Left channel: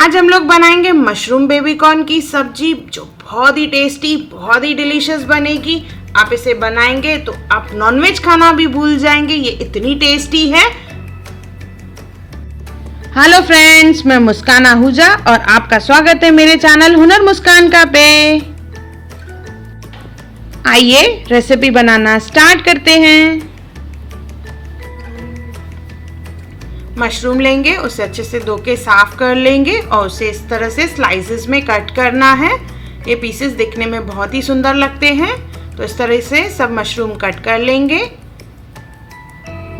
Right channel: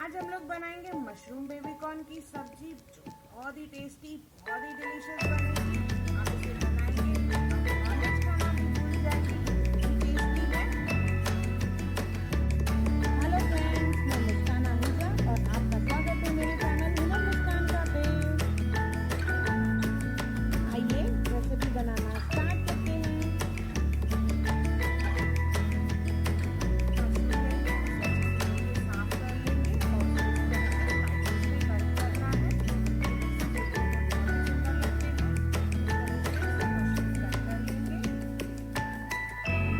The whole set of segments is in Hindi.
आज हम लोग बनाएंगे मशरूम बेबी कॉर्न की सब्जी, जो बहुत ही टेस्टी, बहुत ही डिलीशियस बनेगी। आप इसे बनाएंगे तो आप नॉनवेज खाना भी भूल जाएंगे, ये इतनी टेस्टी है। हेलो फ्रेंड्स, मैं मुस्कान आहूजा और आपका स्वागत है मेरे चैनल हुनर मुस्कान का पे। आइए रेसिपी बनाना स्टार्ट करते हैं। मशरूम लेंगे, उसे अच्छे से धो के साफ कर लेंगे और उसे इस तरह से स्लाइसेस में कट करना है। ये पीसेस दिखने में बहुत ही सुंदर लगते हैं, तो इस तरह से सब मशरूम कट कर लेंगे।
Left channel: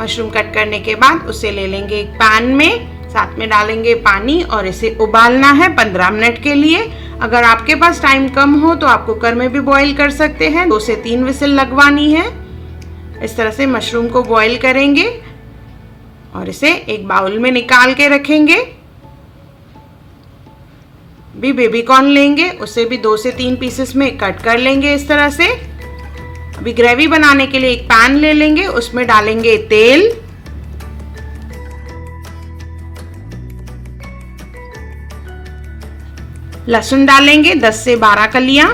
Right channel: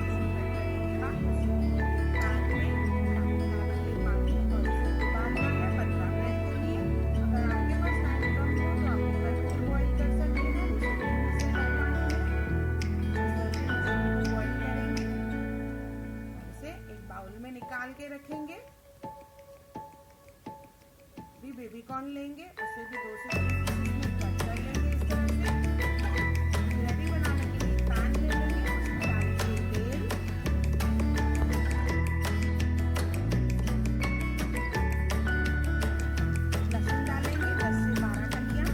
मशरूम कट करने के बाद उसे ले लेंगे एक पैन में, साथ में डालेंगे पानी और इसे उबालना है 15 मिनट के लिए। अगर आपके पास टाइम कम हो तो आप कुकर में भी बॉईल कर सकते हैं। 2 से 3 विसिल लगवानी है। इस तरह से मशरूम को बॉईल करेंगे और इसे एक बाउल में निकाल के रखेंगे। भी बेबी कॉर्न लेंगे, उसे भी 2 से 3 पीसेस में कट कर लेंगे इस तरह से। अभी ग्रेवी बनाने के लिए एक पैन ले लेंगे, उसमें डालेंगे तेल, लहसुन डालेंगे 10 से 12 कलियां,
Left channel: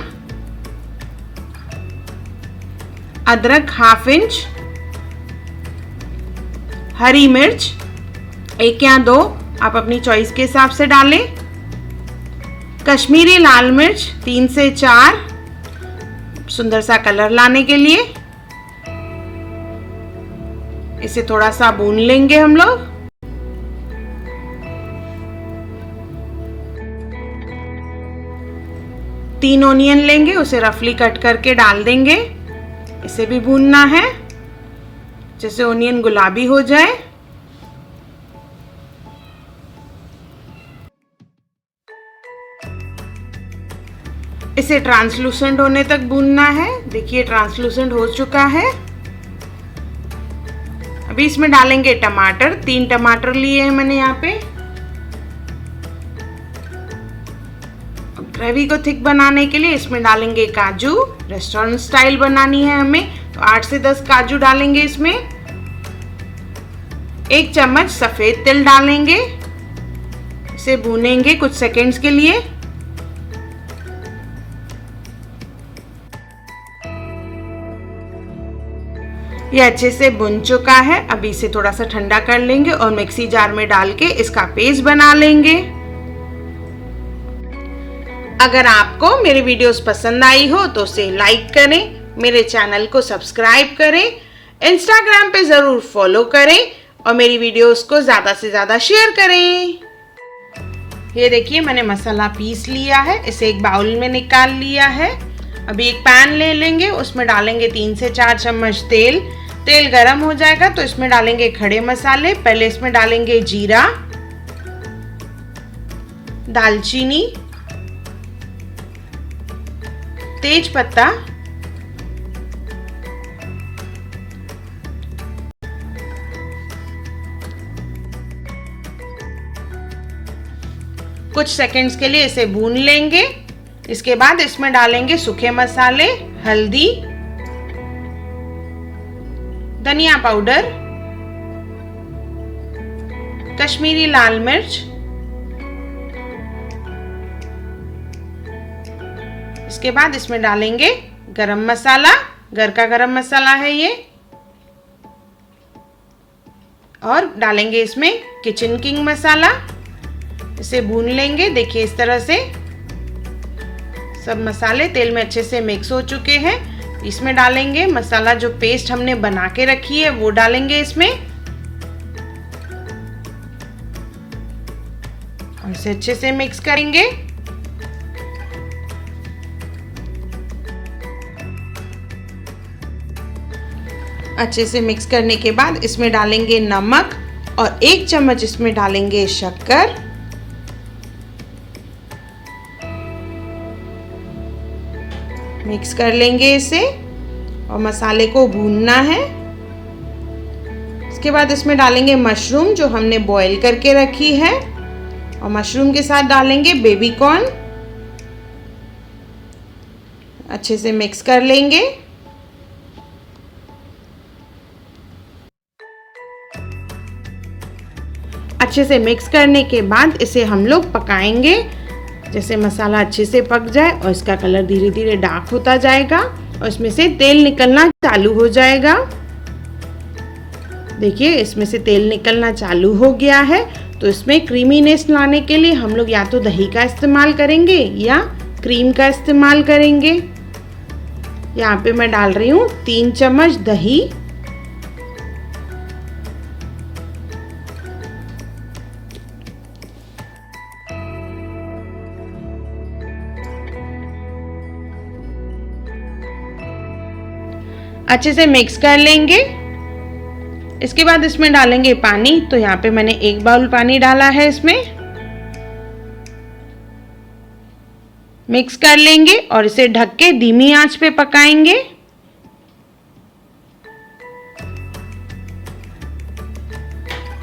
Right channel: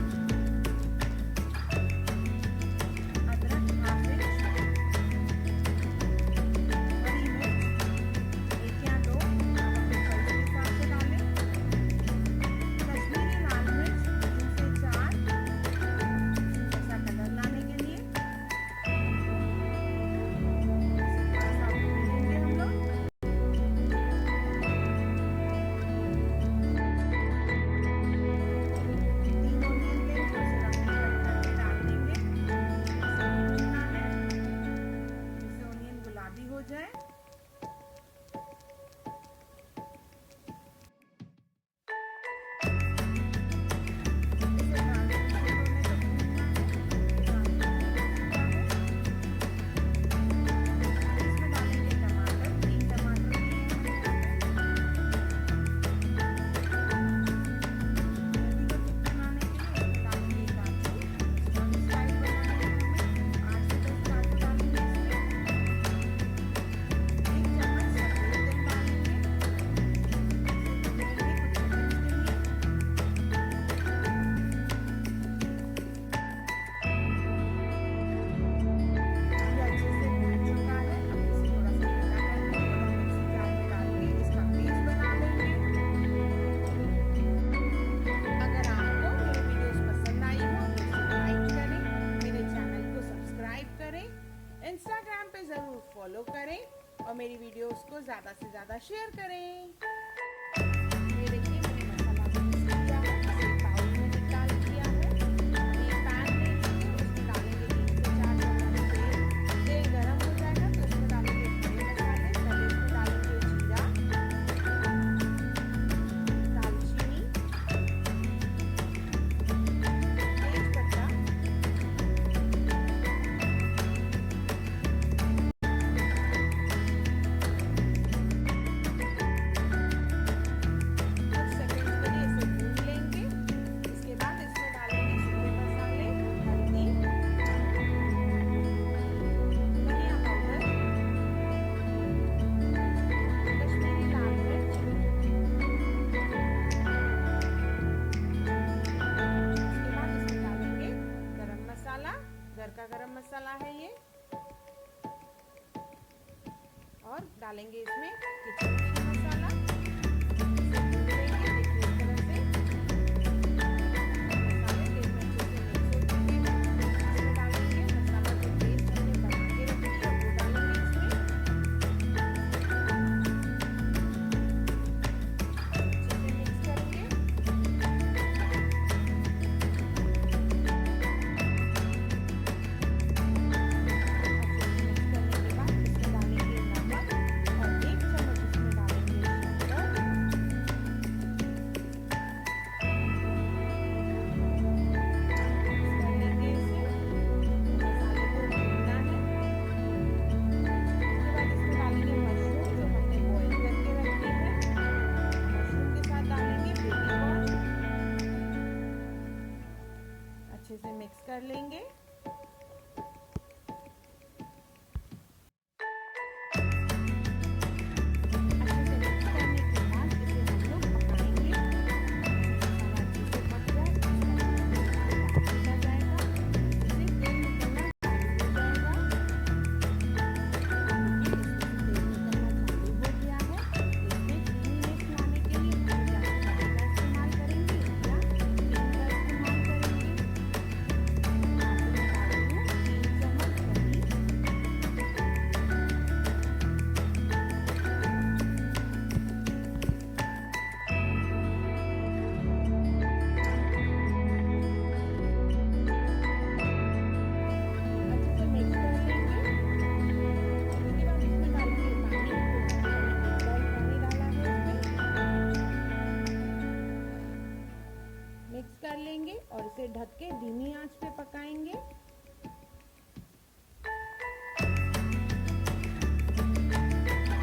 अदरक ½ इंच, हरी मिर्च 1 या 2, आप अपनी चॉइस के हिसाब से डालें, कश्मीरी लाल मिर्च 3 से 4, सुंदर सा कलर लाने के लिए। इसे थोड़ा सा भून लेंगे हम लोग। तीन ओनियन लेंगे, उसे रफली कट करके डाल देंगे। इसे भी भूनना है जैसे ओनियन गुलाबी हो जाए। इसे ट्रांसलूसेंट होने तक भूनना है। देखिए ट्रांसलूसेंट हो चुका है। अभी इसमें डालेंगे टमाटर। 3 टमाटर लिए हैं मैंने यहाँ पे। ग्रेवी को थिक बनाने के लिए इसमें डालेंगे काजू। रेस्टोरेंट स्टाइल बनानी है हमें, तो 8 से 10 काजू डालेंगे इसमें। 1 चम्मच सफेद तिल डालेंगे। इसे भूनेंगे कुछ सेकंड्स के लिए। ये अच्छे से भुन चुका है। अभी इसे थोड़ा सा ठंडा कर लेंगे और मिक्सी जार में डाल के इसका पेस्ट बना लेंगे। अगर आपको मेरे वीडियोस पसंद आई हो तो उसे लाइक करें, मेरे चैनल को सब्सक्राइब करें, इंस्टाग्राम पे ज़रूर फॉलो करें और मेरी वीडियोस को ज़्यादा से ज़्यादा शेयर करें। ये देखिए मैंने मसाला पीस लिया है, इसे एक बाउल में निकाल लिया है। अभी एक पैन ले लेंगे, उसमें डालेंगे 3 से 4 चम्मच तेल। तेल गरम हो जाएगा तो इसमें डालेंगे खड़े मसाले। पहले इसमें डालेंगे जीरा, दालचीनी, तेज पत्ता, कुछ सेकंड्स के लिए इसे भून लेंगे। इसके बाद इसमें डालेंगे सूखे मसाले, हल्दी, धनिया पाउडर, कश्मीरी लाल मिर्च। इसके बाद इसमें डालेंगे गरम मसाला, घर का गरम मसाला है ये, और डालेंगे इसमें किचन किंग मसाला। इसे भून लेंगे। देखिए इस तरह से सब मसाले तेल में अच्छे से मिक्स हो चुके हैं। इसमें डालेंगे मसाला, जो पेस्ट हमने बना के रखी है वो डालेंगे इसमें। इसे अच्छे से मिक्स करेंगे। अच्छे से मिक्स करने के बाद इसमें डालेंगे नमक और 1 चम्मच इसमें डालेंगे शक्कर। मिक्स कर लेंगे इसे और मसाले को भूनना है। इसके बाद इसमें डालेंगे मशरूम जो हमने बॉईल करके रखी है और मशरूम के साथ डालेंगे बेबी कॉर्न। अच्छे से मिक्स कर लेंगे। अच्छे से मिक्स करने के बाद इसे हम लोग पकाएंगे। जैसे मसाला अच्छे से पक जाए और इसका कलर धीरे धीरे डार्क होता जाएगा और इसमें से तेल निकलना चालू हो जाएगा। देखिए इसमें से तेल निकलना चालू हो गया है। तो इसमें क्रीमीनेस लाने के लिए हम लोग या तो दही का इस्तेमाल करेंगे या क्रीम का इस्तेमाल करेंगे। यहाँ पे मैं डाल रही हूँ 3 चम्मच दही। अच्छे से मिक्स कर लेंगे। इसके बाद इसमें डालेंगे पानी। तो यहाँ पे मैंने 1 बाउल पानी डाला है। इसमें मिक्स कर लेंगे और इसे ढक के धीमी आंच पे पकाएंगे।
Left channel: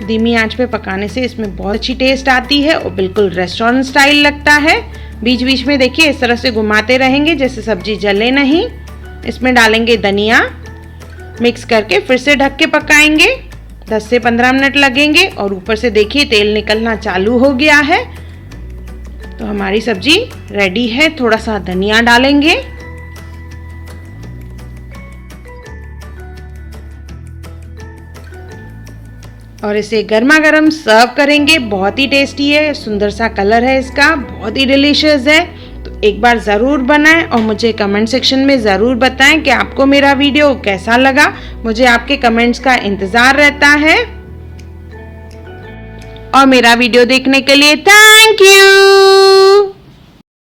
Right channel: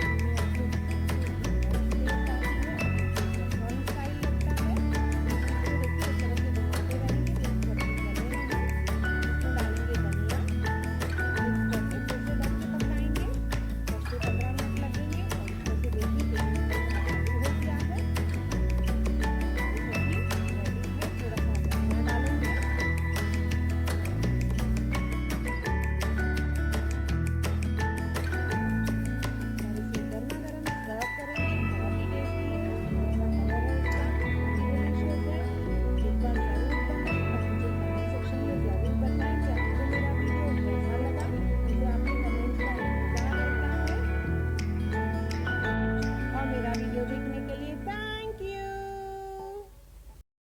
धीमी आंच पे पकाने से इसमें बहुत अच्छी टेस्ट आती है और बिल्कुल रेस्टोरेंट स्टाइल लगता है। बीच बीच में देखिए इस तरह से घुमाते रहेंगे जैसे सब्जी जले नहीं। इसमें डालेंगे धनिया, मिक्स करके फिर से ढक के पकाएंगे। 10 से 15 मिनट लगेंगे और ऊपर से देखिए तेल निकलना चालू हो गया है। तो हमारी सब्जी रेडी है। थोड़ा सा धनिया डालेंगे और इसे गर्मा गर्म सर्व करेंगे। बहुत ही टेस्टी है, सुंदर सा कलर है इसका, बहुत ही डिलीशियस है। एक बार ज़रूर बनाएं और मुझे कमेंट सेक्शन में ज़रूर बताएं कि आपको मेरा वीडियो कैसा लगा। मुझे आपके कमेंट्स का इंतज़ार रहता है। और मेरा वीडियो देखने के लिए थैंक यू।